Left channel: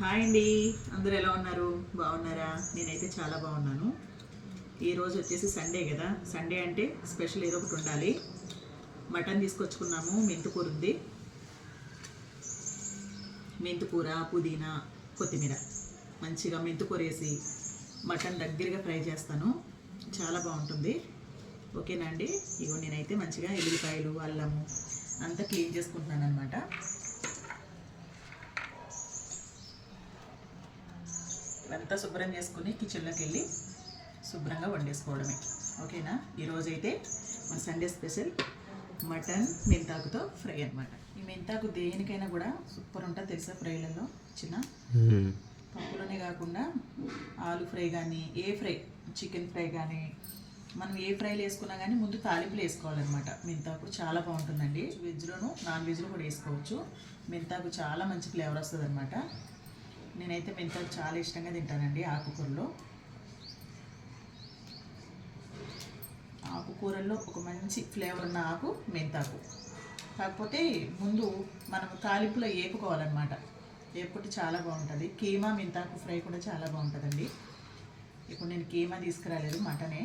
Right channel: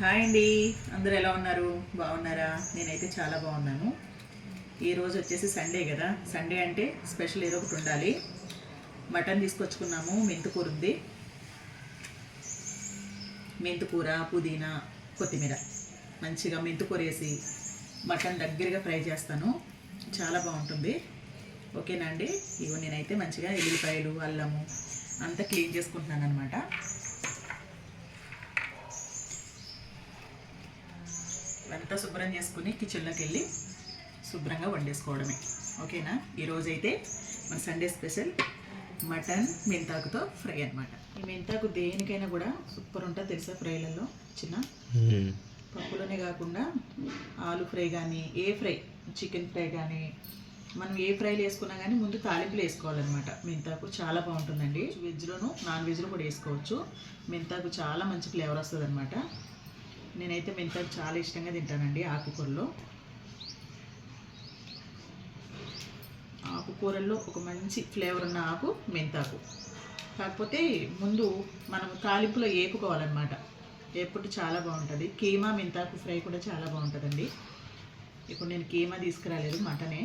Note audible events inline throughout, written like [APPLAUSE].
Hi అండి. అందరూ ఎలా ఉన్నారు? బాగున్నారా? నేనైతే చాలా బాగున్నాను. ఈరోజు వచ్చేసి సండే కదా. సండే అంటే స్పెషల్ ఏదో ఒకటి ఉండాలి. మటన్ తీసుకొచ్చుకున్నాము. మెంతుకూర ఉంది. మెంతుకూర పుదీనా కొత్తిమీర. మంచిగా మెంతుకూర వేసి మటన్ దగ్గరగా ఫ్రై చేస్తాను. చాలా బాగుంటుంది. ఓకేనా అండి? ఇగో నేనైతే మంచిగా ఎల్లిపాయలు అల్లము అంతా క్లీన్ చేసుకుంటున్నాను అనమాట ఇదంతా శుభ్రం చేసుకుని కిచెన్లోకి వెళ్ళి శుభ్రంగా వండేసుకోవడమే. ఓకేనా? ఈరోజు అయితే మన సండే స్పెషల్ మటన్ మెంతాకుతో ఫ్రై అన్నమాట. ఈ మెంతాకు దేనికైనా కూడా సూపర్ ఉంటుంది తెలుసా ఫ్రైలలో? చిన్న? పప్పులోనే కాకుండా ఆలు ఫ్రై కానీ ఏ ఫ్రై చికెన్ ఫ్రై కానీ మనం ఏ ఫ్రైలు వేసుకున్నా కానీ ముందు తాలింపులు వేసుకోవాలన్నమాట. మెంతాకు చాలా బాగుంటుందండి. వెజ్లోను నాన్ వెజ్లో కూడా వేసుకోవచ్చు. మెంతాకు చాలా మంచి ఫ్లేవర్ వస్తుంది నేనైతే మెంతాకు చాలా ఇష్టంగా తింటానండి ఆకుకూరలో. ఆకుకూరల్లో ఒక మంచి ఫ్లేవర్ ఉన్న ఆకు మెంతాకు. కాకపోతే ముందు మనం తాలింపులో వేపుకోవాలన్నమాట వేపుకుంటే చాలా బాగుంటుంది. కీమా మెంతాకు ఫ్రై కూడా చాలా బాగుంటుందండి. ఇప్పుడు నేను కీమా తీసుకురాలేదు మటనే.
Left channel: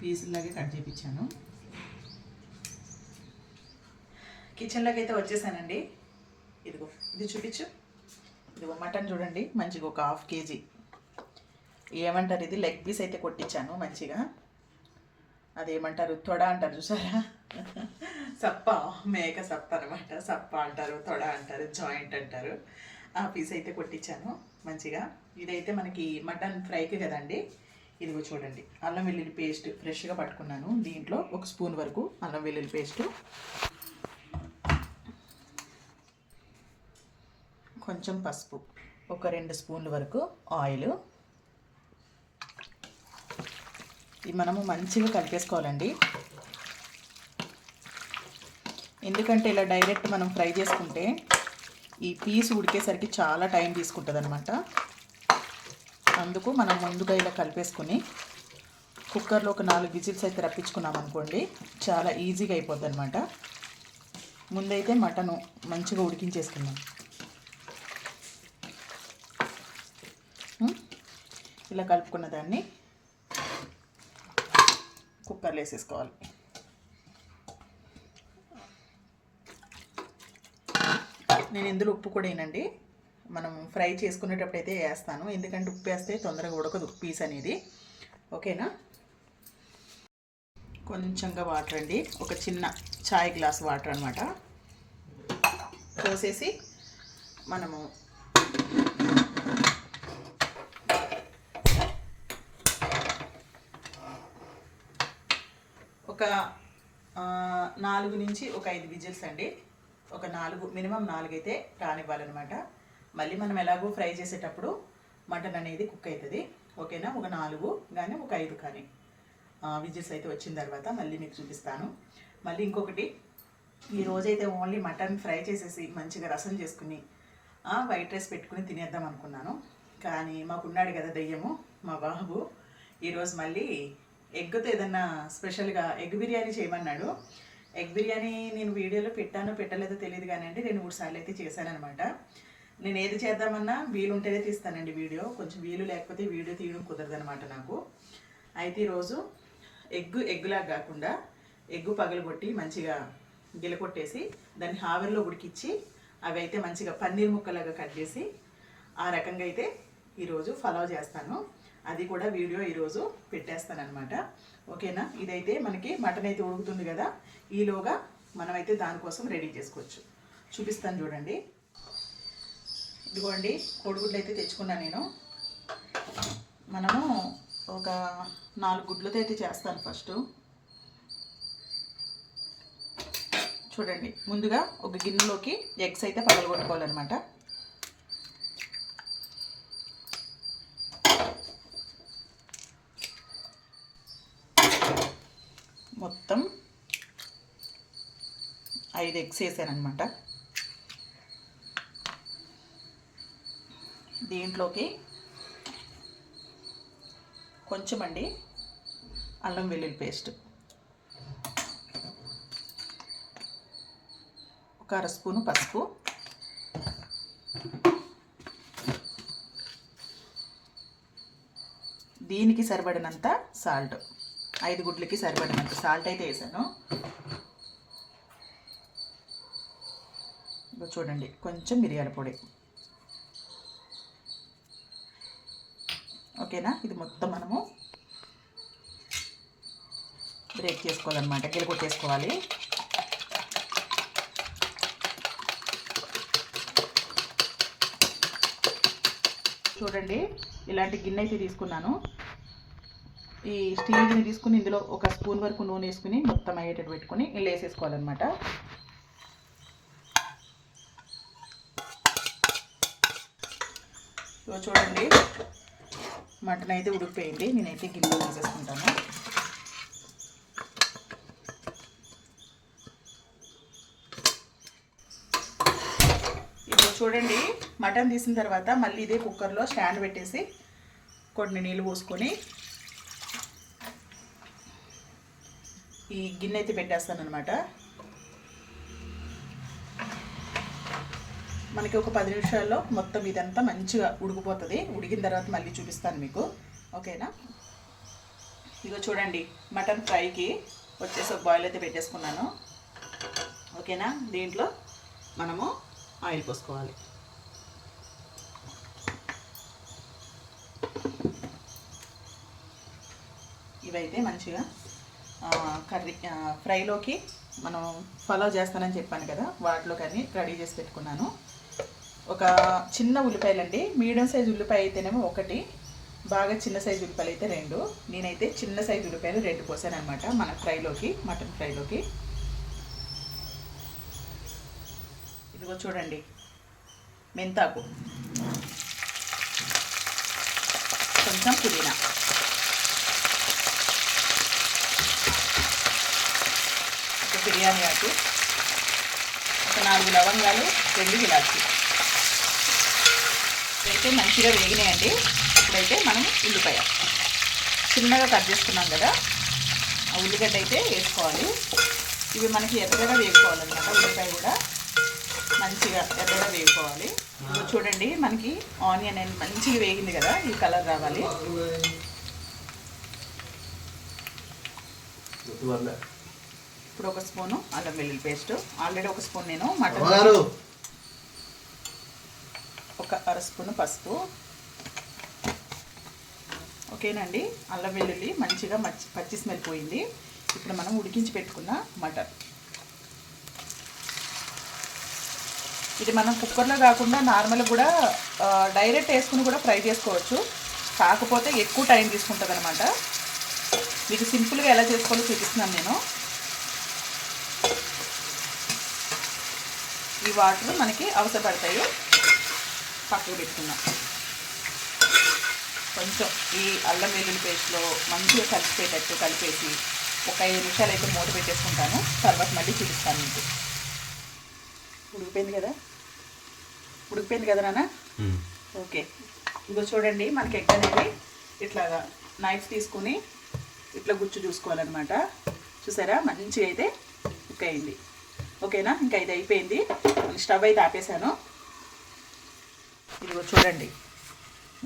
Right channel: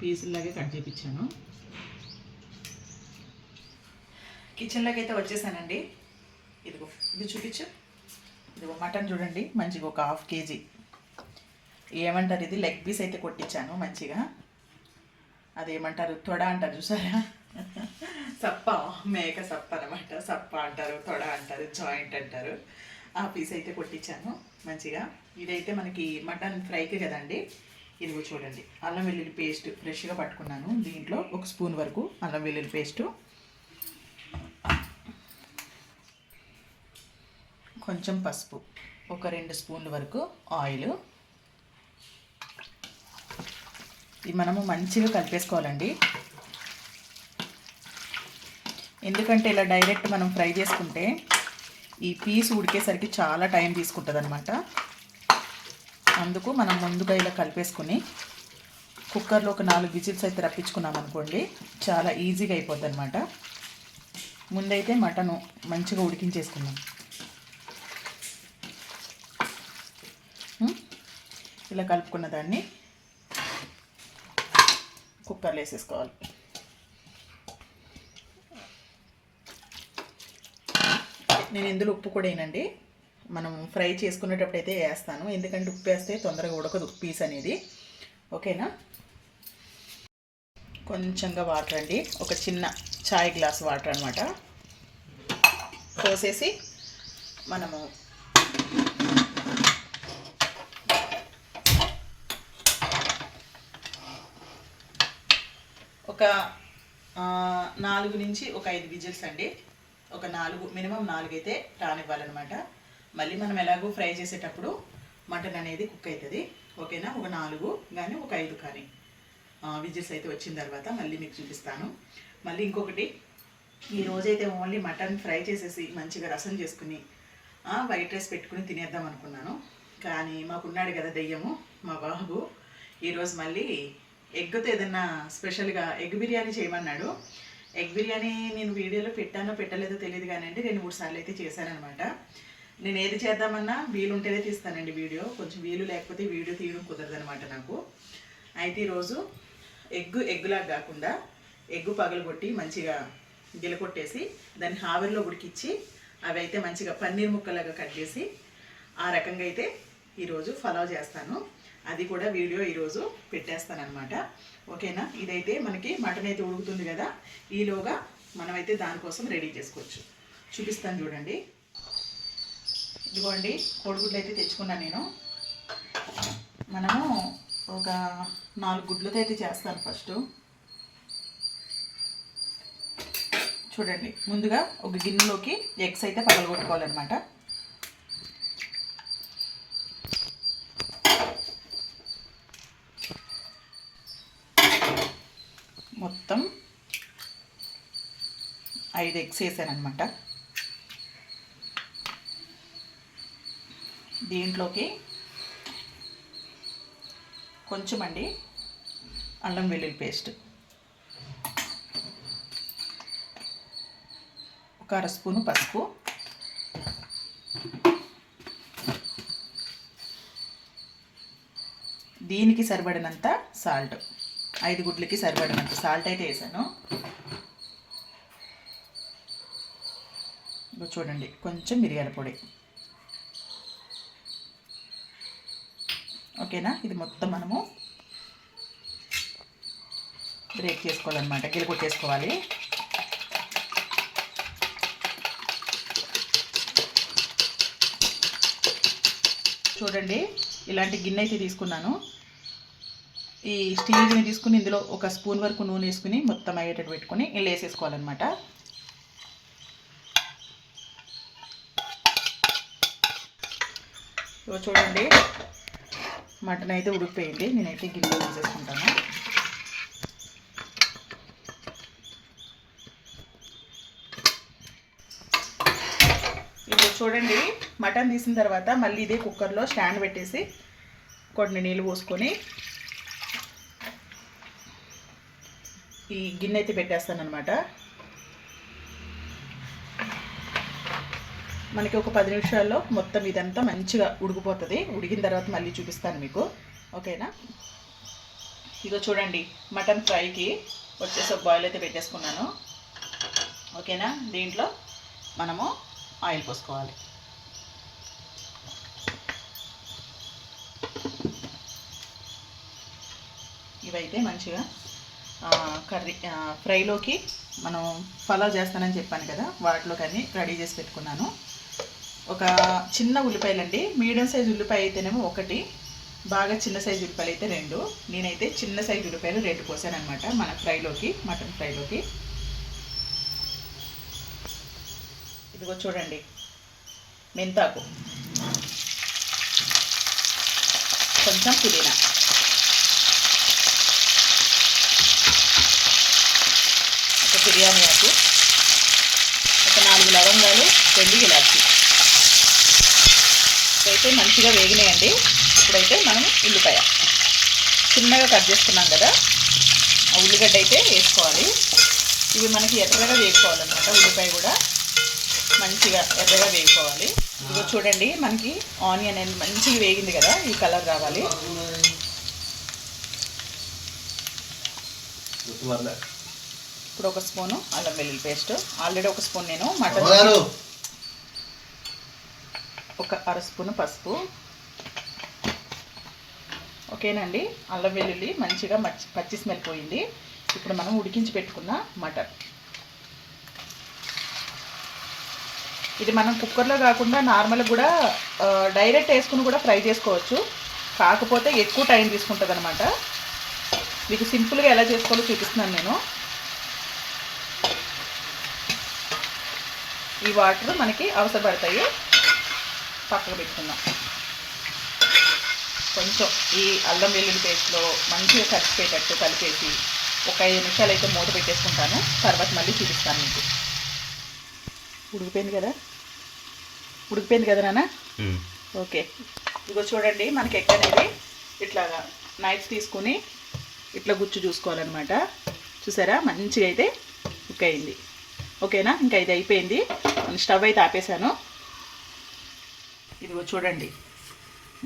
పీసుల్లాగే కట్ చేయించాను కిచెన్లోకి అయితే వచ్చేసానండి. ఇదిగో ఇది చూపించు. ఇదిగో మటన్ చూడండి మంచిగా ఒక హాఫ్ కేజీ. ఏమంటారు ఇది? లెగ్ పీస్ అయితే కొట్టించాను మంచిగా. అదేమంటారు? తొడ అంటారు చూసారా? సప్ప మేక సప్ప అనమాట సప్ప అంటారు తొడ అంటారు జాయింట్ అంటారు. ఆ పీస్ అయితే కొట్టించాను మంచిగా. ఇదైతే మనకి మటన్ ఫ్రైకి కదండి. ఇదిగో చూడండి అల్లం వెల్లుల్లి పేస్ట్ ఫ్రెష్గా పట్టుకున్నాను దీంట్లో ఒక స్పూన్ వరకు అల్లం వెల్లుల్లి పేస్ట్. కొంచెం పసుపు ఒక రెండు స్పూన్ల వరకు ఆయిల్. ఇది మనము మంచిగా కలిపేసుకోవాలండి. ఎందుకంటే ఇలా డైరెక్ట్ మనం ఫ్రై చేసుకుంటే ఈ పీస్ ఉడికేసరికి చాలా టైం తీసుకుంటుంది అనమాట అందుకు మనం ముందుగా ఇలా కలిపేసుకుని కుక్కర్లో ఒక నాలుగు విజిల్స్ అయితే రప్పించుకున్నాం అనుకోండి చాలా ఈజీగా అయిపోద్ది అనమాట ముందైతే మటను మంచిగా ఉడికించేసుకుందాం. ఇలా కలుపుకున్న దాన్ని కుక్కర్లో వేసేసుకోవాలి. నేను ఇందులో ఉప్పు కూడా వేయనండి. మనం ఫ్రై చేసుకునేటప్పుడు అయితే వేస్తాను. ఎందుకంటే ఉప్పు వేస్తే తొందరగా ఉడకదు పీస్ అనేది. ఓకేనా? కొంచెంగా వాటర్ అండి. ఒక చిన్న చాయ్ గ్లాస్ వాటర్ అనమాట పోసేసి మనము ఒక నాలుగు నుంచి ఒక ఐదు విజిల్స్ అండి. ఒక నాలుగు మినిమం నాలుగు అయితే రానివ్వాలన్నమాట. మళ్ళీ మనం ఎలాగో ఫ్రై చేసేటప్పుడు మటన్ అనేది కుక్ అవుతుంది ఓకేనా? ఒక నాలుగు కానీ ఒక ఐదు కానీ. విజిల్స్ అయితే వచ్చిన తర్వాత మళ్ళీ మీకు చూపిస్తాను. మళ్ళీ ఇంకొకటి ఈ రోజైతే ఓన్లీ మటన్ ఫ్రై చేసేసి మంచిగా రసం చేసుకుని వైట్ రైస్ పెట్టుకుని తినేద్దాం అనుకున్నాను. కానీ మాకున్నాడు కదా దెయ్యము మా బాబు. ఈరోజు మళ్ళీ ఎగ్తో ఏదన్నా స్పెషల్గా ఎగ్ బిర్యానీ చేయమన్నాడు. ఎగ్ బిర్యానీ నేను వీడియోలో పెట్టానో పెట్టలేదో తెలియదు కానీ అండి రెండు మూడు సార్లు అయితే చేశానమాట నేను ఏది చేద్దామన్నా వీలు ఉంటేనే తీస్తానండి వీడియో. కొంచెం వీలు లేకపోతే వీడియో తీయడం కుదరదనమాట నాకు. అయితే ఈరోజు ఎగ్గు ఎగ్గులా కాకుండా ఎగ్గు పగలగొట్టి మంచిగా గిలకొట్టేసి దాన్ని హావెర్లో ఉడికిచ్చి అవి అయితే మంచిగా పన్నీర్ ముక్కలాగా కట్ చేసి ఆ రకంగా అయితే ఈరోజు ఫలావ్ చేస్తాను. అది కూడా వీడియో ఈరోజు పెట్టేస్తాను అనమాట ఓకేనా? ఇదైతే మనకి మటన్ అయితే ఉడుకుతుంది కదా? ఈలోగా మనమైతే దానికోసం రెడీ చేసుకోవచ్చు. చూపిస్తాను చూడండి. ఇదిగోండి కోడిగుడ్లు అయితే తెచ్చుకున్నాను నేను. మనము ఒక నాలుగు గుడ్లతో అయితే చేస్తాను ఫస్ట్. చూడండి ముందుగా ఒక గిన్నెలోకి ఎగ్స్ అయితే పగలగొట్టుకోవాలన్నమాట. ఐదు ఎగ్స్ వేసానమాట దీంట్లోకి కొంచెం అండి అల్లం వెల్లుల్లి పేస్ట్. ఒక అర స్పూను పసుపు. దీనికి సరిపడినంత సాల్ట్. ఐదు గుడ్లకి సరిపడినంత సాల్ట్ అయితే వేసాను. చూడండి. కొంచెం మిరియాల పొడి. ఓకేనా? ఇది మొత్తం మనము బ్రేక్ చేసుకోవాలన్నమాట. గిల కొట్టేసుకోవాలి. చూడండి. ఇలాంటి గిన్నె అయితే తీసుకున్నాను. ఈ స్టీల్ గిన్నె తీసుకుని ఇందులో ఒక స్పూన్ వరకు నూనె వేసుకుని మొత్తం అయ్యేటట్టు పెట్టుకొని ఇలా వేసేసుకోవాలన్నమాట ఇదిగో చూడండి. మటన్ అయితే ఉడికిపోయింది. నేనైతే గిన్నెలో వేసేసుకుంటాను ఇప్పుడు చూడండి. మటన్ తీసిన తర్వాత మళ్ళీ ఇదే కుక్కర్లో స్టాండ్ పెట్టేసి కొన్ని నీళ్ళు పోసుకొని ఈ గిన్నె అయితే పెట్టేస్తాను మనకి ఒక పది నిమిషాల్లో మొత్తం ఇదంతా మంచిగా ఉడికిపోతుంది. ఉడికిన తర్వాత మళ్ళీ చూపిస్తాను మీకు. ఓకేనా? ఇదో చూడండి మటన్ ఫ్రైకి వచ్చేసి ఒక బాయిల్ అయితే పెట్టేసుకున్నాను. ఓకేనా? దీంట్లో మనము ఆయిల్ పోసుకోవాలి. ఇవైతే మంచిగా కర్రీ ఫ్రైలోకి మనం ఫాలో చేస్తానని చెప్పాను కదా వాటిలోకి అన్ని రెడీ చేసి పెట్టుకున్నాను. ఒక చిన్న ఉల్లిపాయలండి. మీడియం సైజు ఉల్లిపాయ అయితేనేమో ఒకటి బాగా చిన్న సైజు ఉల్లిపాయలు అయితే రెండు. నేనైతే చిన్న సైజు ఉల్లిపాయలు రెండు పోసాను అనమాట మన ఫ్రైలోకి మటన్ ఫ్రైలోకి. ఇదిగో చూడండి మెంతాకు. కొంచెం పుదీనా. ఒక బిర్యానీ ఆకు. ఒక నాలుగు లవంగాలు రెండు ఇలాచీ. ఇవైతే మంచిగా వేగినాయండి. ఇప్పుడైతే మనం ఉల్లిపాయ చిన్నగా కట్ చేసుకున్నాం కదా ఆ ఉల్లిగడ్డ అయితే వేసుకోవాలి. ఇవి మనకి ఎర్రగా వేసుకోవాలన్నమాట ఉల్లిపాయ కూడా మంచిగా ఎర్రగా వేసుకోవాలి ఇదిగో చూడండి మనకి ఆనియన్ అనేది మంచిగా వేగింది కదా ఈ కలర్ రావాలి. ఇప్పుడు ఒక స్పూను అల్లం వెల్లుల్లి పేస్ట్. ఆల్రెడీ ఒక స్పూన్ నేను మటన్ ఒక అర స్పూన్ పసుపు. ఓకేనండి? అల్లం వెల్లుల్లి మంచిగా మచ్చి పచ్చి స్మెల్ పోయింది. ఇప్పుడు మనం ఉడికించి పెట్టుకున్న మటన్. ఇది మనం కుక్కర్లో కాకుండా నార్మల్ కూడా డైరెక్ట్ వేసుకుని కూడా ఫ్రై చేసుకోవచ్చు. కాకపోతే ఎక్కువ టైం తీసుకుంటుంది అనమాట మీకు సింపుల్గా ఎలా చేసుకోవాలో చూపిస్తున్నాను నేను. ఈ వాటర్ మనకి అవసరపడతాయి. పక్కకు పెట్టుకుందాం. కొంచెం ఈ అల్లం వెల్లుల్లి పేస్ట్లో మంచిగా కలిసిపోయేటట్టు కలిపేసి ఒక ఐదు నిమిషాలు అయితే మూత పెట్టేసుకుంటాను. తర్వాత మళ్ళీ చూపిస్తాను మీకు. ఉడికిపోయింది కదా? ఉడికిపోయింది కదా నాన్న? ఓకే. ఇదిగో చూడండి మనకి ఎగ్ అనేది ఇట్లా నైఫ్ తీసుకొని ఇట్లా గుచ్చు చూసుకోవాలన్నమాట. చూసారా? మంచిగా అయితే కుక్ అయింది. ఓకేనా? ఇంకా ఇది అయిపోయింది. స్టవ్ అయితే ఆపేసాను ఇదిగో చూడండి.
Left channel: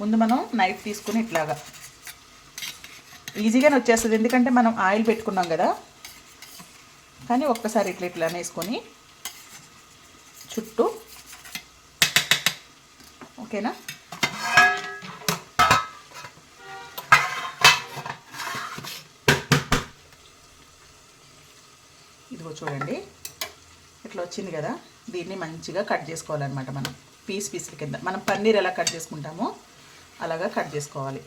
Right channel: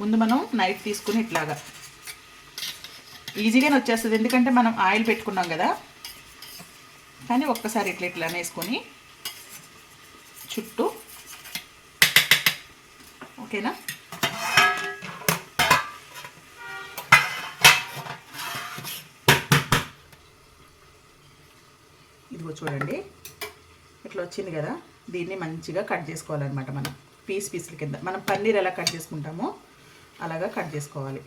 ముందు మనం నైట్ తీసుకుని ఇట్లాగా. ఈజీగానే వచ్చేస్తుంది. ఎందుకంటే మనం ఆయిల్ పెట్టుకున్నాం కదా. కానీ ఒక్కసారి ఇట్లా ఇట్లా వేసుకొని చుట్టూ. ఓకేనా? ఇదిగో చూడండి. ఇట్లా వచ్చింది కదా. దీన్ని మంచిగా కట్ చేసుకోవాలన్నమాట మనం. పీస్ పీసుల కింద. మనం పన్నీర్ ఎలా కట్ చేసుకుంటామో అలాగా కట్ చేసుకోవాలి.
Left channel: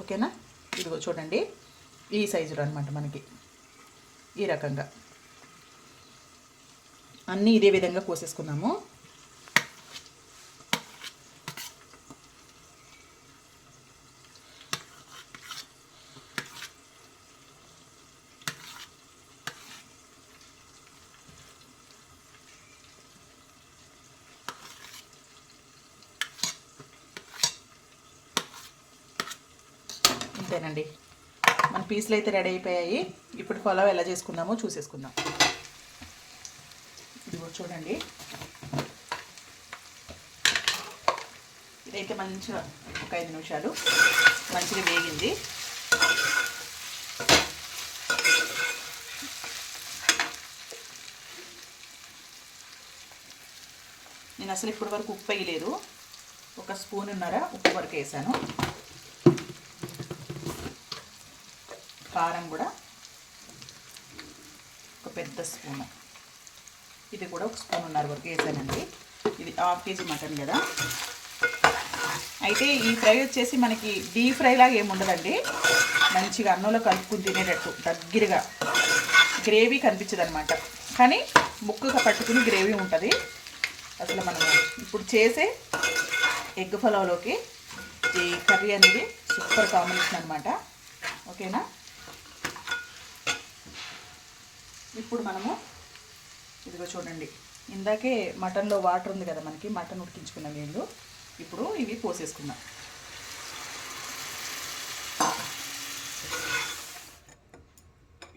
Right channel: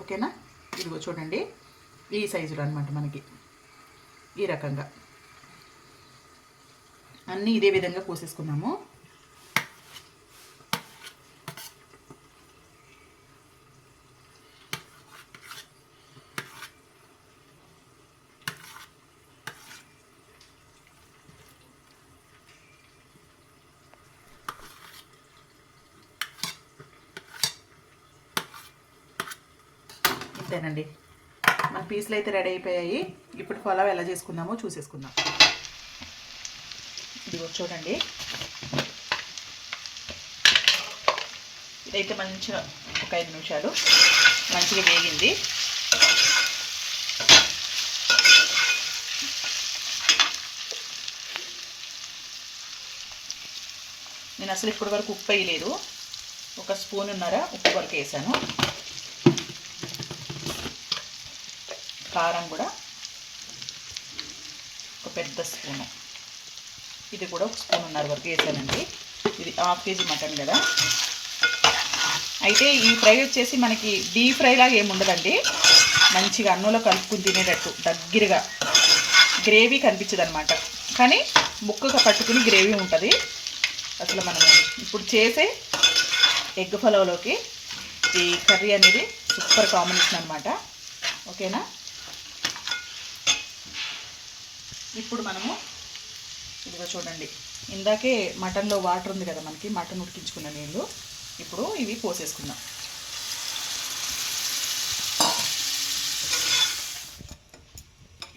ఓకేనా? ఇదిగో చూడండి. ఈ సైజులో అనమాట మనకి. ఈ రకంగా. అన్నీ ఇదే విధంగా కోసేసుకున్నాము అంతేనండి మన పీసులు అయితే రెడీ అయిపోయాయి. ఇప్పుడు పొలవ్ ఎలా చేసుకుందామో చూసేసుకుందాం. చూడండి. ఇదైతే మంచిగా ఒక ఐదు నిమిషాలు మంచిగా వేగింది. నేను అసలు ఇప్పటి వరకు ఉప్పు వేయలేదు. ఒక స్పూన్ ఉన్నారా ఉప్పు వరకు వేసాను. కారం కూడా ఒక పెద్ద స్పూను. ఇది కూడా ఒక స్పూన్ ఉన్నారు వరకు వేసానండి. ఇది హాఫ్ కేజీ మటన్ కదా. అయితే ఈ ఫ్రై వచ్చేసి మనకి డీప్ ఫ్రై లాగా ఏమి ఉండదండి. మంచిగా అన్నంలో కలుపుకుని తినేటట్టు దగ్గరగా. గ్రేవీ కనిపించదు అనమాట కానీ ముక్కగా పట్టుకుని గ్రేవీ ఉంటుంది. అసలు మనం ఇప్పుడు చేసే ఎగ్ పలావ్లోకి ఈ కర్రీ అనేది సూపర్ కాంబినేషన్ అనమాట ఓకేనా? ఇప్పుడు మనము ఇదిగో చూడండి. ఇందాకే మటన్లో వాటర్ ఉంది కదా మనకి మటన్ ఉడికించుకున్న నీళ్ళు. ఇప్పుడు ఇవి పోసేసుకుందాం.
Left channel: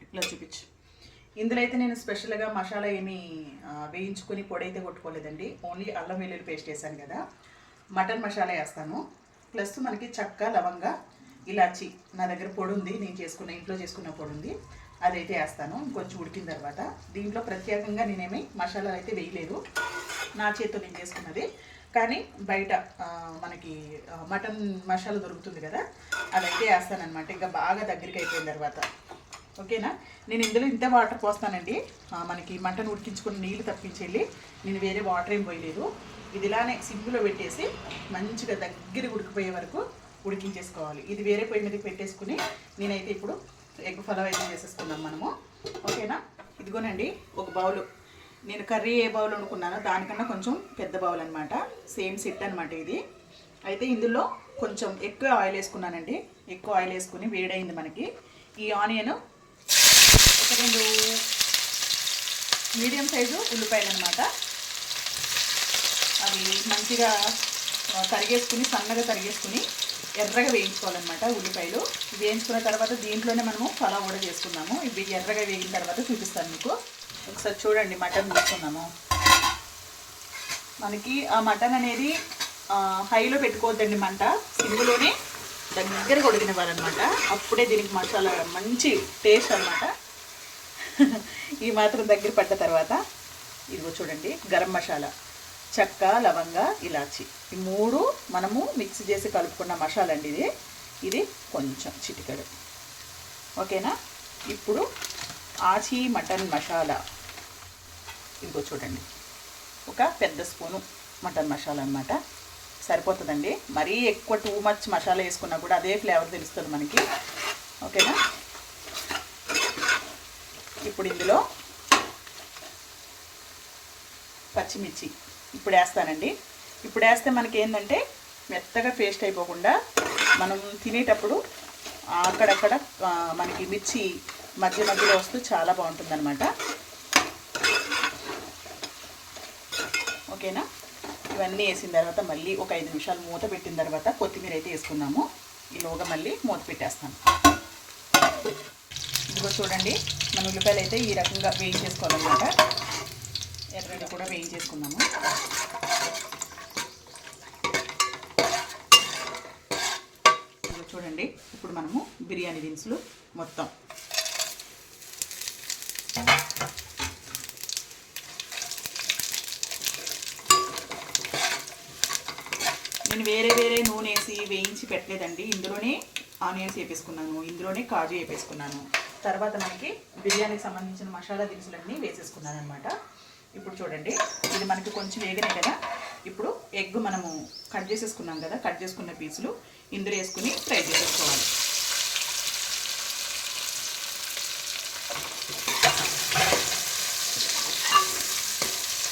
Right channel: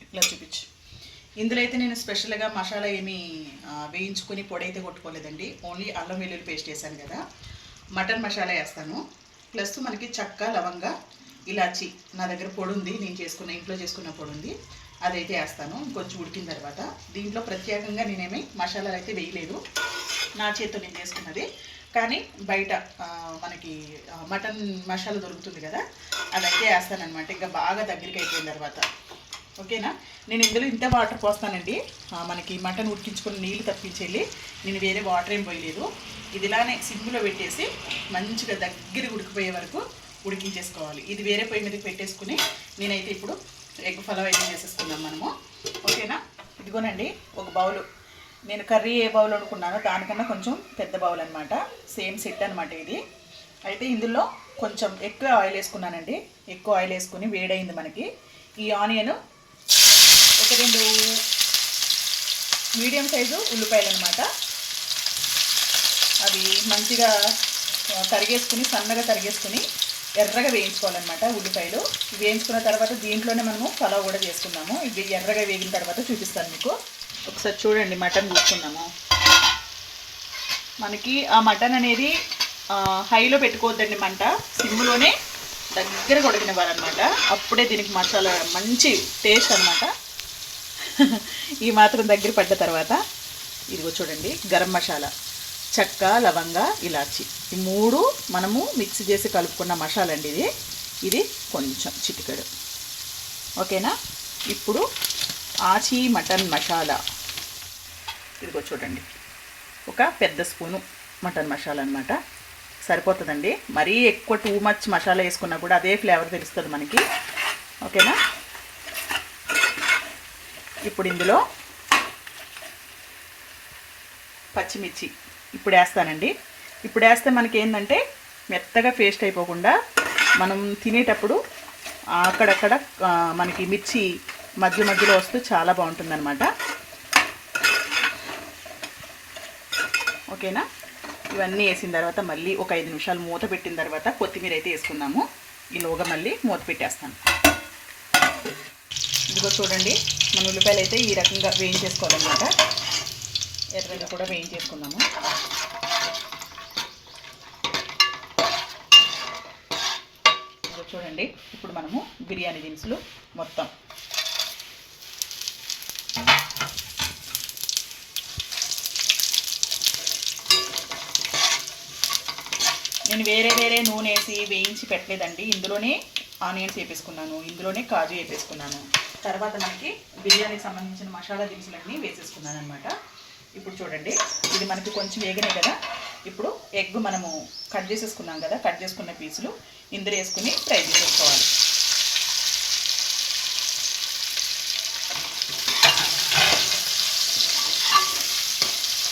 ఇట్లా చూపించు. ఇందులో అయితే నేను స్పెషల్గా మసాలా ఏమి వేయించుకొని పొడి అయితే కొట్టుకోలేదండి. ఓన్లీ అల్లం వెల్లుల్లి పేస్ట్ వేసాను కదా. మటన్ మసాలా వేస్తాను. ప్లస్ మనకి చక్క లవంగ ఇలాచి. నా దగ్గర పొడి ఉంది నేను చేసుకున్న ఇంట్లో చేసుకున్న పొడి ఉంది అదైతే వేస్తాను. కొంచెం ఉడికిన తర్వాత దీంట్లో ప్రత్యేకంగా నేనేమి మసాలాలు అయితే వేయలేదు. నా చేతితో నేను చేసుకున్నది. కానీ బయట మనకి మటన్ మసాలా దొరుకుతుంది కదా అదైతే వేస్తానమాట ఇంకా బాగా దగ్గరికి అయిపోయిన తర్వాత. ఓకేనా? నేను ఇందులో ఇంత వాటర్ పోస్తానండి. మనకి మటన్ ఉడికించుకుని నీళ్ళు తప్పించేళ్ళి నేను వేరే వాటర్ ఏం పోయలేదు. ఇది ఇలానే సింపుల్లో పెట్టేసి మంచిగా దగ్గర ఉడికిపోయే వరకు ఉడికించేసుకోవాలి. ఇది వేరే పొయ్యి మీదకి పెట్టేసుకుని నేనైతే ఇప్పుడు ఎగ్ ఫలవ్ అయితే చేసేసుకుందాం మనము. ఓకేనా? ఇదిగోనండి ఒక బౌల్. నేను కర్రీ ఏ బౌల్ అనుకున్నానో దానికన్నా కొంచెం పెద్ద బౌల్ అనమాట సేమ్ సెట్ అనమాట ఇది. అయితే ఇందులో కొంచెం ఎక్కువ ఆయిల్ వేసుకున్నానండి. ఎక్కువ ఆయిల్ వేసుకుని వేడైంది మనకి. ఈ ఆనియన్ ఒక రెండు మీడియం సైజు ఉల్లిపాయలు అనమాట అవి మంచిగా తరిగేసుకుని సన్నగా తరిగేసుకుని ఎర్రగా వేయించుకోవాలన్నమాట ఉల్లిపాయలు. వేయించుకున్న తర్వాత దీంట్లోనే మనము పలావ్ కూడా చేసుకుందాము. ఇవి ఎర్రగా వేగిన తర్వాత చూపిస్తాను మీకు. ఒకసారి చూడండి మటన్ తీసుకున్నాము మనకి ఆ మటన్ అనేది హైలో పెట్టుకోవద్దండి మంట. సిమ్లోనే దగ్గర కొడికినవ్వాలన్నమాట అప్పుడే దీనికి మసాలా మంచి టేస్ట్ అన్నమాట. [LAUGHS] ఈ మాత్రం దగ్గర పడ్డ తర్వాత ఇదిగో చూడండి గరం మసాలా. చెక్క లవంగ ఇలాచి. ఈ మూడు మనము మిక్స్ చేసి కలుపుకున్న మసాలా అండి ఇది. ఇది కొంచెం చిటికెడు. ఓకేనా? ఇప్పుడు ఆచి మటన్ మసాలా. ఇదిగో చూడండి. ఒక పెద్ద స్పూను మటన్ మసాలా అనమాట సరిపోతుందండి. మరీ ఎక్కువ టూ మచ్ మసాలా వేసుకున్నా కూడా అదే ఫ్లేవర్ తెలుస్తుంది మనకి. ఓకేనా? ఇప్పుడు ఇందులో పచ్చిమిర్చి. ఇప్పుడు వేస్తానండి ఇప్పుడు వేస్తే మనకి ఏంటంటే మెత్తగా పేస్ట్ అయిపోకుండా మనం తినేటప్పుడు అక్కడక్కడ మనకి మిర్చి మధ్య మధ్యలో వస్తూ చాలా బాగుంటుంది అనమాట ఓకేనా? ఇవన్నీ వేసిన తర్వాత మళ్ళీ ఒక ఐదు నిమిషాలు మూత పెట్టిన తర్వాత కొత్తిమీర అయితే వేసుకున్నాము ఈలోగా మళ్ళీ మూత పెట్టేస్తాను. ఇదిగో చూడండి మన ఉల్లిపాయలు అయితే ఈ రకంగా వేయించేసుకోవాలన్నమాట. ఎర్రగా కూడా వేయించేసుకుందాము. చూడండి ఇప్పుడు మనము బిర్యానీ దినుసులు మొత్తం. నేను వేరే వేరే నూనె వేసి వేయించి పెట్టలేదండి. ఇందులోనే ఆనియన్స్ వేపేసుకున్నాను ఇందులోనే కాజు వేపేసుకున్నాను. తర్వాత మనకి బిర్యానీకి సంబంధించిన మసాలా దినుసులన్నీ వేసేసుకున్నాను అనమాట ఇప్పుడు చూడండి ఇది మనకి కొంచెం వేగనే కదా? ఇప్పుడు ఎగ్ మనము కట్ చేసేసుకున్నాం కదా కట్ చేసుకున్న పీసులు ఇందులో వేసుకుని ఫ్రై చేసేసుకోవాలి.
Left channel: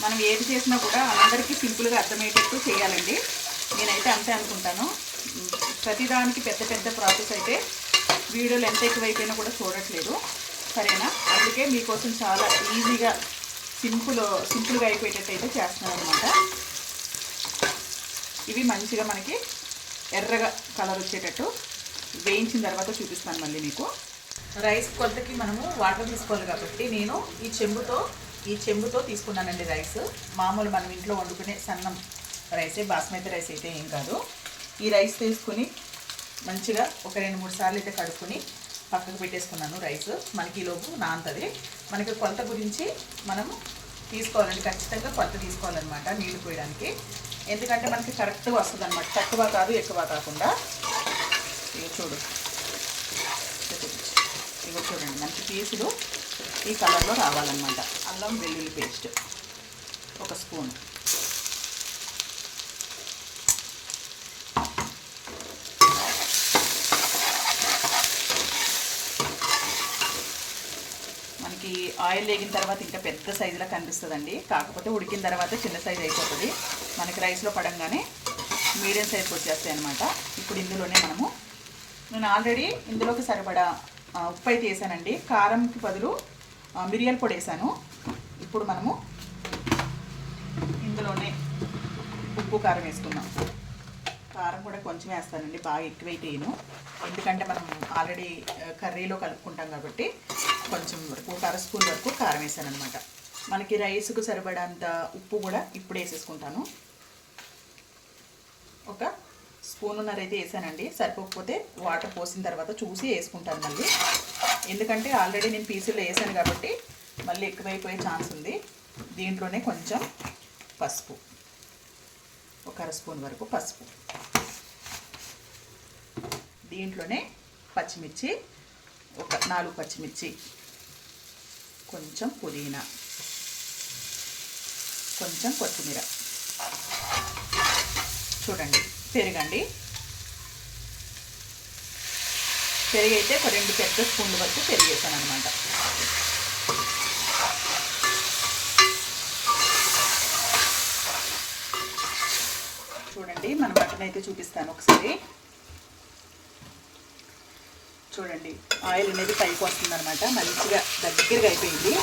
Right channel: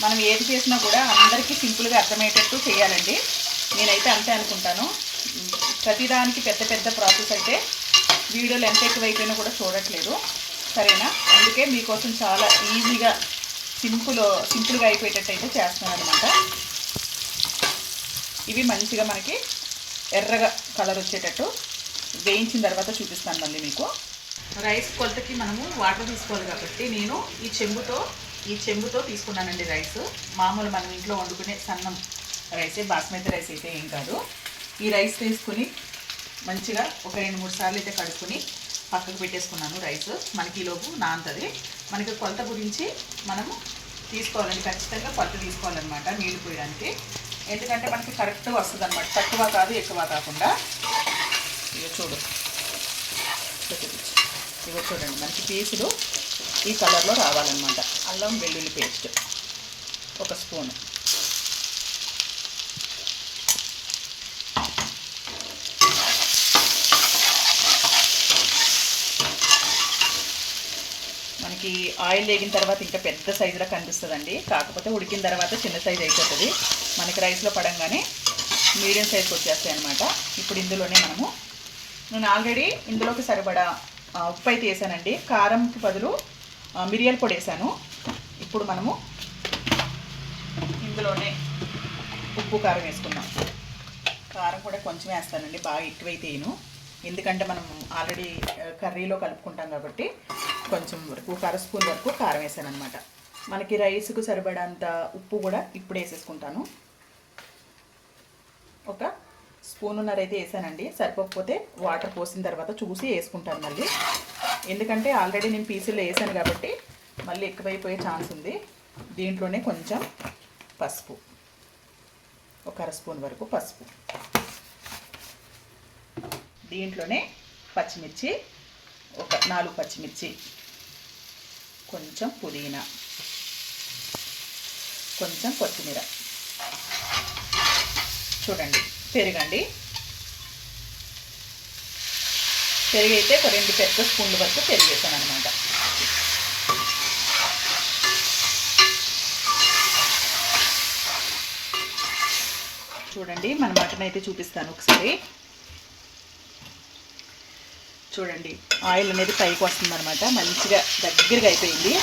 మనం ఏది చేసినా కూడా అందరికీ సింపుల్గా అర్థమయ్యేటట్టు చేయాలండి. నేనైతే అంతే అనుకుంటాను. ప్రతిదానికి పెద్ద పెద్ద ప్రాసెస్ అయితే వీడియోలు ఎంత ఎక్కువైపోయినా కూడా చూడట్లేదు. సరేనా? అందుకే మీకోసం చాలా ఈజీగా సింపుల్ సింపుల్గా అయిపోయేటట్టు అయితే చేస్తున్నాను అనమాట ఇవి మంచిగా మనకి ఎర్రగా కలర్ వచ్చేటట్టు వేయించిన తర్వాత చూపిస్తాను మళ్ళీ మీకు. రైస్ కొలతకి మనము వాటర్ తీసుకోవాలి కాబట్టి నేను ఈ చెంబుతో ఈ చెంబుతో తీసుకున్నానండి రైస్. మామూలు మనం ఇంట్లో వండుకునే సన్నం రైసే బాస్మతి రైస్ అయితే ఏం కాదు. ఈ రైస్ తీసుకుని మంచిగా ఒక రెండు మూడు సార్లు అయితే కడుక్కుని పక్కకు పెట్టేసుకున్నాను రైస్. మనకి ఈలోపు నాంతది. మనకి కొలత గురించి మనము తీసుకోవాలండి. ఖచ్చితంగా కొలత తీసుకోవాలన్నమాట నీళ్ళు పోయడానికి. ఎందుకంటే మనకి కరెక్ట్గా వస్తుంది అనమాట తక్కువ కాదు ఎక్కువ కాకుండా. ఇక చూడు. ఇక చూడండి. మంచి పీసులు ఈ కలర్లో రావాలన్నమాట. అల్లం వెల్లుల్లి పేస్ట్. ఒక స్పూన్. మనకి ఆయిల్ వేగిన తర్వాత ఇంకా పెద్ద సైజులో కనిపిస్తుందండి. కాకపోతే ఉడికిన తర్వాత చిన్న సైజు అయిపోతుంది. మనకి రైస్లో పడంగానే మీడియం సైజ్కి వచ్చేస్తాయి అనమాట ఇప్పుడు ఇందులోనే మనము నేను ఆల్రెడీ ఇందులోకి సరిపడా ఉప్పు అయితే వేసానండి. కారంకి బదులు ఆ, మిరియాల పొడి వేసాను. ఇప్పుడు మనము ఇందులోనే ఉప్పు కారం వేసుకుందాం. కారం కూడా కొంచెం వేస్తానండి. బాగా ఎక్కువైతే ఎందుకంటే మనం ఆల్రెడీ కర్రీలో కలుపుకుంటాం కాబట్టి కొంచెం వరకు ఒక అర స్పూన్ వరకు కారం వేసాను అనమాట మనకి రైస్కు సరిపడంత ఉప్పు కూడా ఇప్పుడు వేసేసుకుంటాను. ఒక స్పూన్నర అయితే వేసానండి. సరిపోకపోతే వాటర్ పోసిన తర్వాత చూసి వేసుకుంటాను మళ్ళీ. ఎందుకంటే ఆల్రెడీ నేను పీసులు వేసాను కాబట్టి మళ్ళీ ఎక్కువైపోయే ఛాన్స్ ఉంది. దీంట్లోనే కొంచెం పసుపు. ఒక అర స్పూన్ వరకు పసుపు. దీంట్లోనే పచ్చిమిర్చి ఒక నాలుగు పచ్చిమిర్చి కొంచెం పుదీనా. కొంచెం కొత్తిమీర. చూడండి పెరగండి. పెరుగు అయితే ఒక రెండు పెద్ద స్పూన్ల వరకు పెరుగు వేసాను అనమాట చూడండి మన మటన్ అయితే చూపిస్తాను ఒకసారి. చూడండి. ఆయిల్ అనేది పైకి వస్తుంది అనమాట మంచిగా దగ్గరగా అయిపోయింది.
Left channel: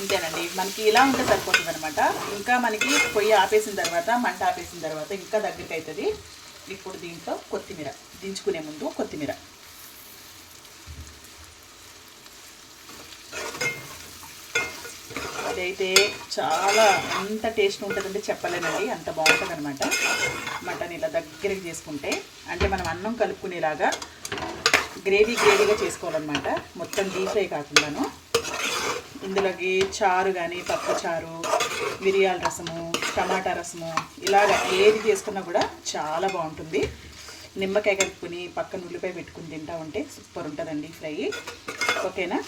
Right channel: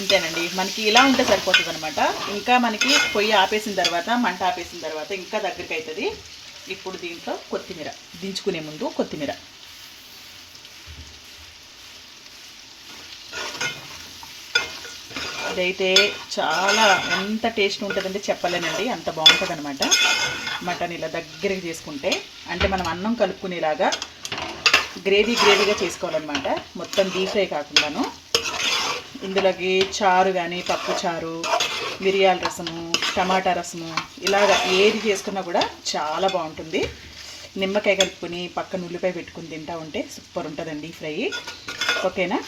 ఇంతేనండి. మనకి ఇలా ఉంటే సరిపోతుంది అనమాట ఇంకా మనకి పొయ్యి ఆపేసిన తర్వాత మంట ఆపేసిన తర్వాత ఇంకా దగ్గరికి అవుతుంది ఇప్పుడు దీంట్లో కొత్తిమీర. దించుకునే ముందు కొత్తిమీర. ఇదైతే చాలా ఎంత టేస్ట్ ఉంటుందంటే చెప్పలేనండి అంత బాగుంటుంది అనమాట మటన్ ఇలా దగ్గరికి చేసుకుంటే అంటే మనం అన్నం కలుపుకునేలాగా గ్రేవీ గ్రేవీగా చేసుకోవాలన్నమాట. మొత్తం డీప్ ఫ్రై కాకుండాను. ఇందులోకి చారు కానీ పప్పు చారు మిరియాల రసము టమాటా రసము ఇలాగ ఏది చేసుకున్నా కూడా చాలా బాగుంటుంది. నిమ్మకాయ కలుపుకొని పక్కన ఉల్లిపాయ పెట్టుకుని తింటా ఉంటే సూపర్ ఉంటుందండి ఫ్రై. ఓకేనా?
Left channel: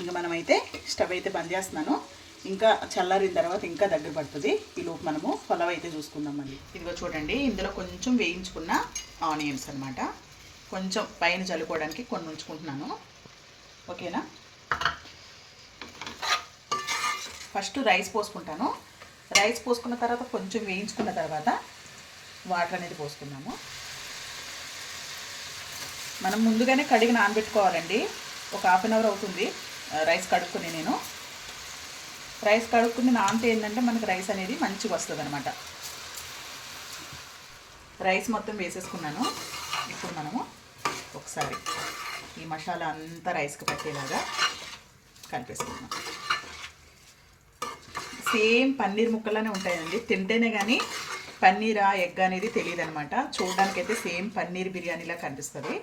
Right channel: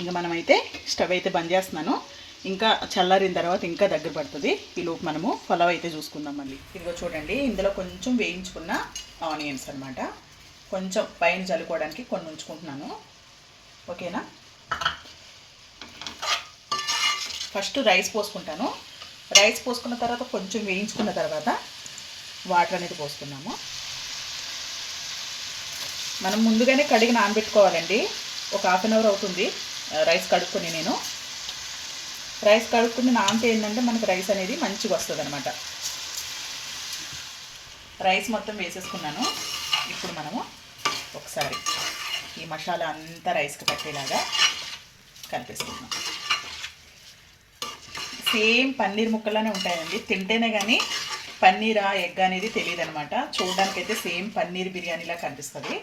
ఇంకా మనమైతే స్టవ్ అయితే బంద్ చేస్తున్నాను. ఇంకా చల్లారిన తర్వాత ఇంకా దగ్గర పడుతుంది. ఈ లోపు మనము పలావ్ అయితే చూసుకుందాం మళ్ళీ ఇదిగో చూడండి ఇందులో కొంచెం వేయించుకున్న ఆనియన్స్ అన్నమాట. కొంచెం పైన చల్లుకోవడానికి కొన్ని ఉంచుకుంటున్నాను. ఓకేనా? First rice పోసుకుంటాను. రైస్ పోసుకున్న తర్వాత కొంచెం వేయించుకున్న తర్వాత వాటర్ అనేది పోసుకున్నాము మనం ముందుగానే కడిగి నానబెట్టుకోవాలండి. ఒక హాఫ్ అన్ అవర్ అవుతుంది. రైస్ కడుక్కుని నేను. రైస్ కడుక్కుని నానితే ఏంటంటే మనకు రైస్ అనేది మంచిగా వస్తుంది అనమాట రైస్ మొత్తం వేసేసుకున్నాను. ఇప్పుడు మనము ఒకసారి ఈ మసాలా అంతా రైస్కి పట్టేలాగా కలిపేసుకుందాం. సేమ్ పన్నీర్ ముక్కలానే ఉంటాయండి. తింటేనే కానీ పన్నీరా ఎగ్ అనేది తెలియదు అనమాట చూడడానికైతే సేమ్ పన్నీర్ బిర్యానీలా కనిపిస్తుంది.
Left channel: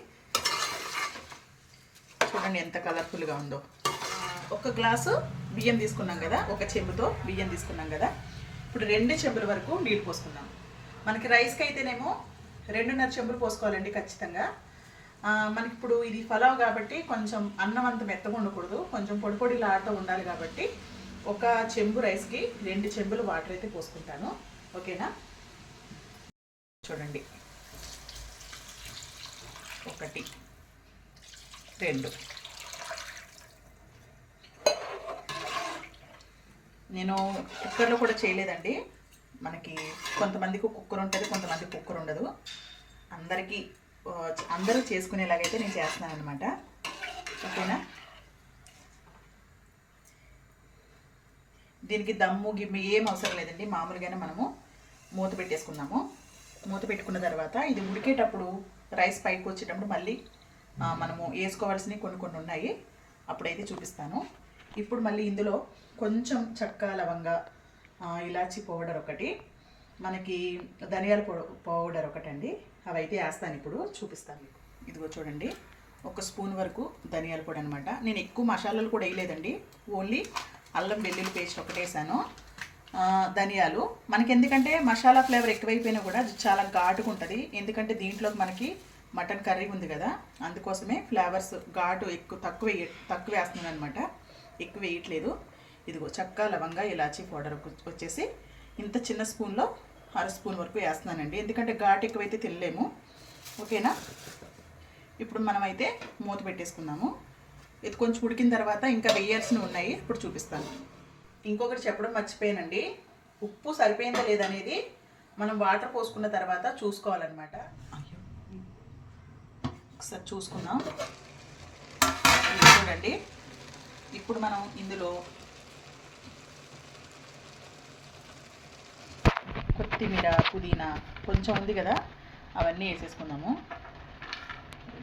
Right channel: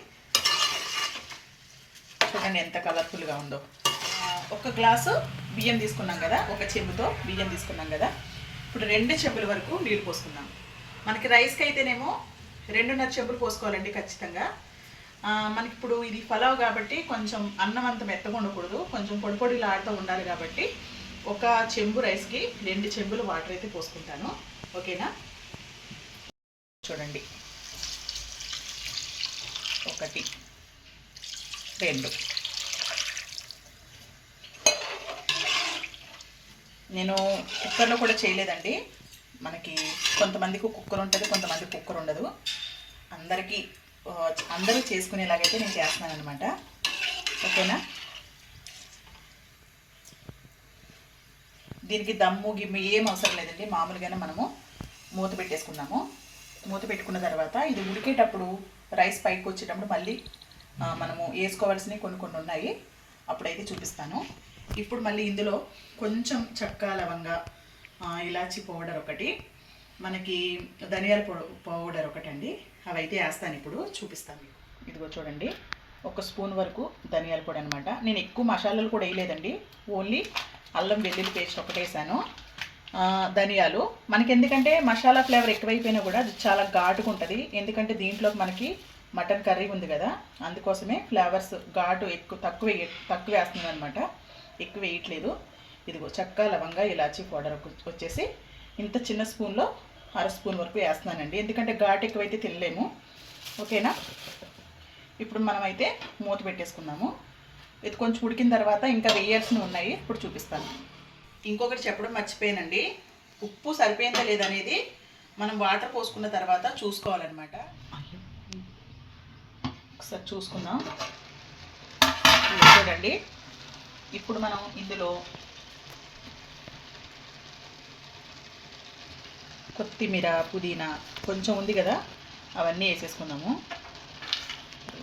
చూడండి ఎంత కలర్ఫుల్గా ఉందో. ఒక గ్లాసు బియ్యం తీసుకున్నాం కదా ఒక చెంబుతో బియ్యం తీసుకున్నాం కదా. ఇప్పుడు రెండు చెంబుల వరకు నీళ్ళు పోసుకున్నాం మనకి రైస్కి అయితేనేమో రెండున్నర చెంబులు పోసుకోవాలండి ఖచ్చితంగా. మనకి ఇప్పుడు ఇది ఫలావ్ కాబట్టి కొంచెం అన్నం అంత మెత్తగా ఉండకూడదు. కొంచెం పొడి పొడిలాడుతూ ఉండాలి కాబట్టి ఒక చెంబు రైస్కి రెండు చెంబులు వాటర్ అయితే పోసుకుంటాను. ఓకేనా? చూడండి. ఒకటి రెండు. నేను కుక్కర్లో కూడా చేయలేదండి. మనకి కొంతమందికి కుక్కర్ ఉంటుంది కొంతమందికి కుక్కర్ ఉండదు. అందరికీ అందరూ చేసుకునేలాగైతే నేను చేస్తున్నాను అనమాట ఓకేనా? దీనికి దమ్ము గిమ్ము ఏం అవసరం లేదండి. మామూలుగానే మనము మూత పెట్టేసుకున్నాము మూత పెట్టుకున్న తర్వాత ఇది ఉడికేటప్పుడు రైస్ పైకి వచ్చేటప్పుడు మళ్ళీ మనము వేసుకోవాల్సినవి కొన్ని కొన్ని ఉన్నాయి. అప్పుడైతే చూపిస్తాను. ఇప్పుడు మళ్ళీ ఇందులో కొంచెం చక్క లవంగ ఇలాచి పౌడర్ ఒకటి మనకి ధనియాల పౌడర్ ఒకటి అండి అవి అయితే వేస్తాను ఇప్పుడు చూపిస్తాను మీకు. ఇదిగో చూడండి ఒక స్పూన్ వరకు ధనియాల పొడి అనమాట నేను ఎక్కువ మసాలాలు కూడా వేయలేదండి. ఓన్లీ అల్లం వెల్లుల్లి పేస్ట్ ఒకటి వేసాను. ధనియాలు. మనకి ఎందుకంటే మసాలా ఫ్లేవర్ ఎక్కువైపోయినా కూడా అది చాలా ఘాటుగా ఉంటుంది. ఎందుకంటే దీంట్లోకి మనకి మటన్ కర్రీ ఉంది కదా అందుకోసమే ఫ్లేవర్స్ ఘాటు ఎక్కువ తక్కువ వేయ- తక్కువ వేస్తుంది అనమాట ఎక్కువ వేయట్లేదు. ఇదిగో చెక్క లవంగా ఇలాచీ పౌడర్ వచ్చేసి ఇంత చిన్న స్పూన్లో అర స్పూన్ వరకు వేస్తున్నానండి. ఎందుకంటే ఘాటు ఎక్కువైతే తినలేము. ఓకేనా? ఇప్పుడు మనమైతే మూత పెట్టేసుకుందాము. ఇది కొంచెం ఉడికిన తర్వాత ఇంకా వేయాల్సినవి ఉన్నాయి. ఇప్పుడు చూపిస్తాను. ఇంకొకటి చెప్పడం మర్చిపోయానండి. ఉప్పు సరిపోయిందా లేదనేది మనం వాటర్ పోసుకున్న తర్వాత చూసుకోవాలన్నమాట. ఒకసారి చూసుకుందాం. చూడండి. ఇప్పుడు మనం ఇందులో కొత్తిమీర పుదీనా కొంచెం ఉంది కదా అవన్నీ వేసేసుకుందాము.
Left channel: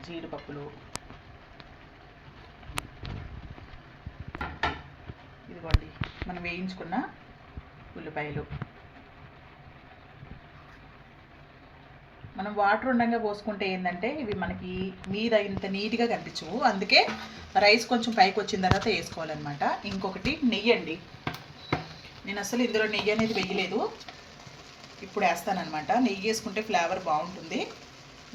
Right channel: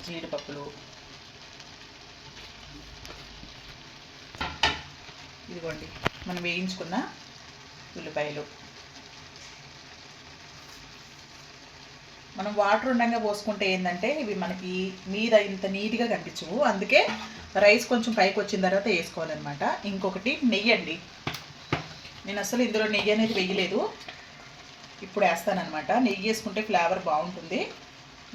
జీడిపప్పులు. ఇదిగోండి మనం వేయించుకున్న ఉల్లిపాయలు. మనం వాటర్ ఉండగా పోసుకుంటే ఏంటంటే ఇవి మనకి మీద ఇంత నీట్గా కనిపించవు. అందుకే రైస్ కొంచెం పైకి వచ్చిన తర్వాత వేసుకోవాలన్నమాట. ఇంకొకటి నెయ్యి అండి. నేను అసలు ఇందులో నెయ్యి అనేది వేయలేదు. ఇప్పుడు వేస్తానమాట నెయ్యి వేసుకుంటే ఫ్లేవర్ బాగుంటుంది.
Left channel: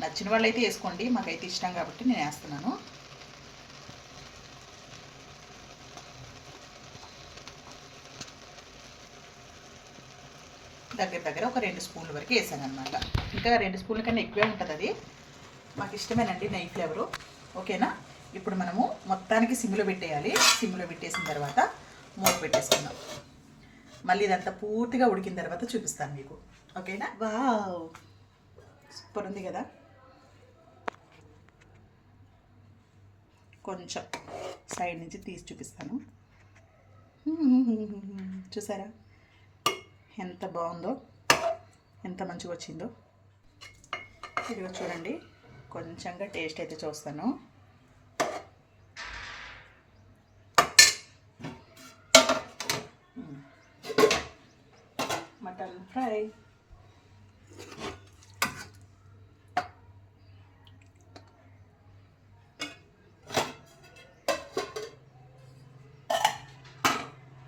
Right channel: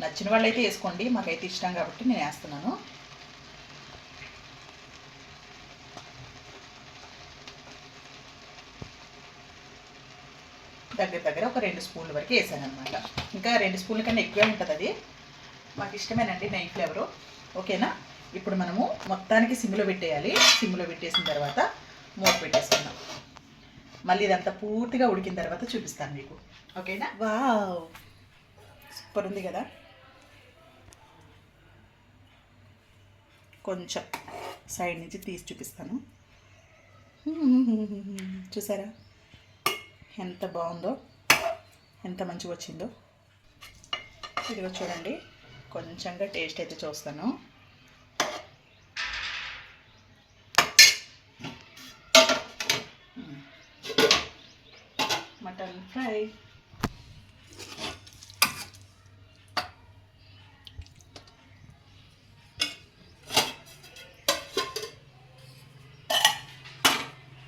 నచ్చిన వాళ్ళైతే వేసుకోండి. మాకైతే ఇష్టం కాబట్టి నేను వేస్తున్నాను. దగ్గర దగ్గర ఒక రెండు స్పూన్ల వరకు వేసాను అనమాట ఇంకా రెండు స్పూన్ల కన్నా ఎక్కువే ఉంటుంది అది. మాకు ఇష్టమేనండి నెయ్యి ఫ్లేవరు. ఓకేనా? ఇప్పుడు మనము మొత్తానికి సిమ్లో పెట్టేయాలి. సిమ్లో పెట్టేసిన తర్వాత మూత పెట్టేసుకుందాం. మళ్ళీ ఇదంతా పూర్తిగా ఉడికిన తర్వాత చూపిస్తాను మీకు. ఓకేనా? వావ్. సూపర్ ఉంది కదా? కొంచెం సైడ్ నుంచి తీసి చూపిస్తాను. చూసారా? ఎంత బాగుందో ఎంత మంచిగా వచ్చిందో. ఇదిగో చూడండి. కొంచెంగా టేస్ట్ అయితే చూస్తాను మ్మ్. మటన్ ఫ్రై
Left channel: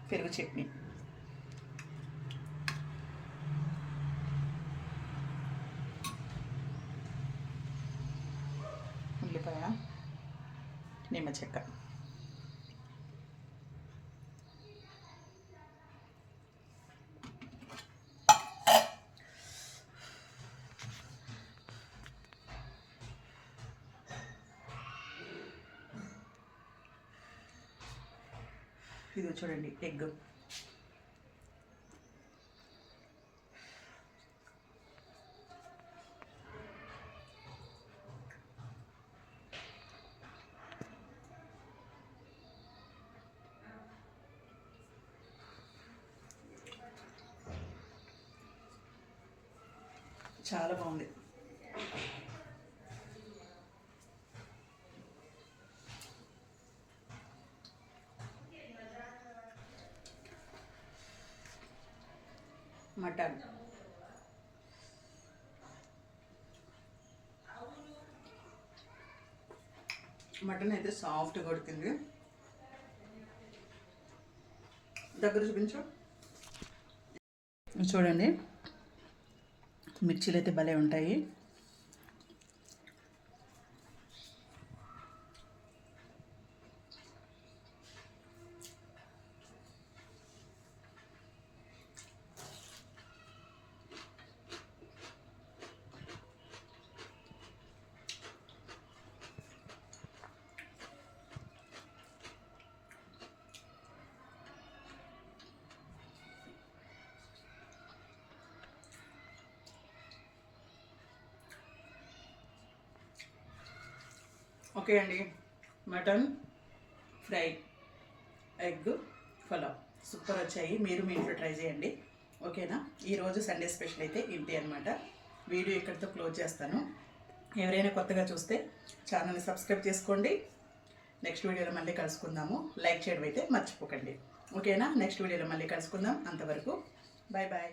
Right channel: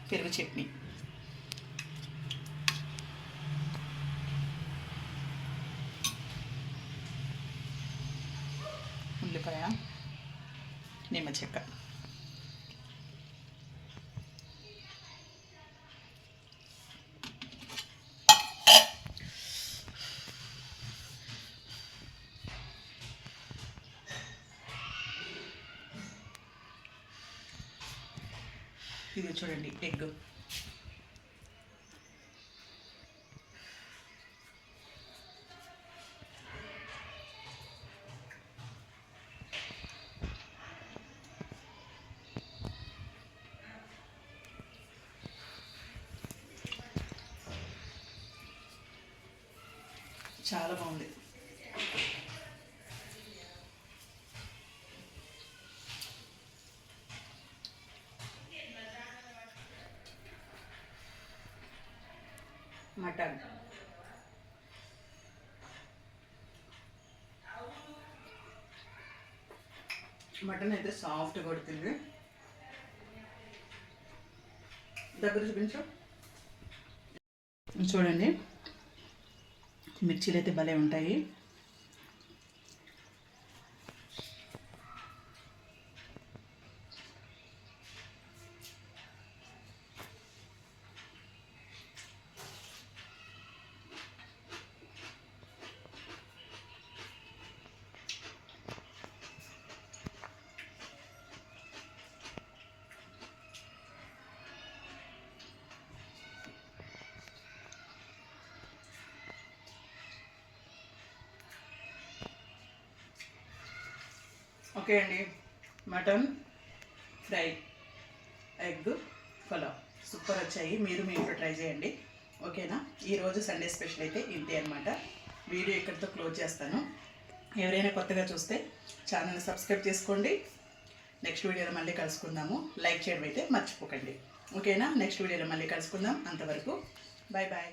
పెరుగు చట్నీ. ఉల్లిపాయ నిమ్మ చెక్క ఇది చూడండి ఎగ్. చాలా బాగుంది మటన్. మటన్ అయితే సాఫ్ట్ కొడుతుంది. దగ్గర చూపించు. చూడండి. మిర్చీలు అయితే భలే ఉంటాయి. ఓకే అండి. Mutton fry egg pulao. Super వచ్చాయి. మీరు మీ ఇంట్లో ట్రై చేయండి. ఓకేనా? ఈరోజు సండే స్పెషల్ అయితే ఇంతే అనమాట వీడియో ఇక్కడితో క్లోజ్ చేస్తాను. ఎవరైనా కొత్తగా చూస్తే ఛానల్ని సబ్స్క్రైబ్ చేసుకోండి. నెక్స్ట్ వీడియోలో మళ్ళీ కలుసుకుందాము. లైక్ చేయడం అయితే మర్చిపోకండి. ఓకేనా? నెక్స్ట్ వీడియోలో మళ్ళీ కలుసుకుందాం. అంతవరకు బాయ్ బాయ్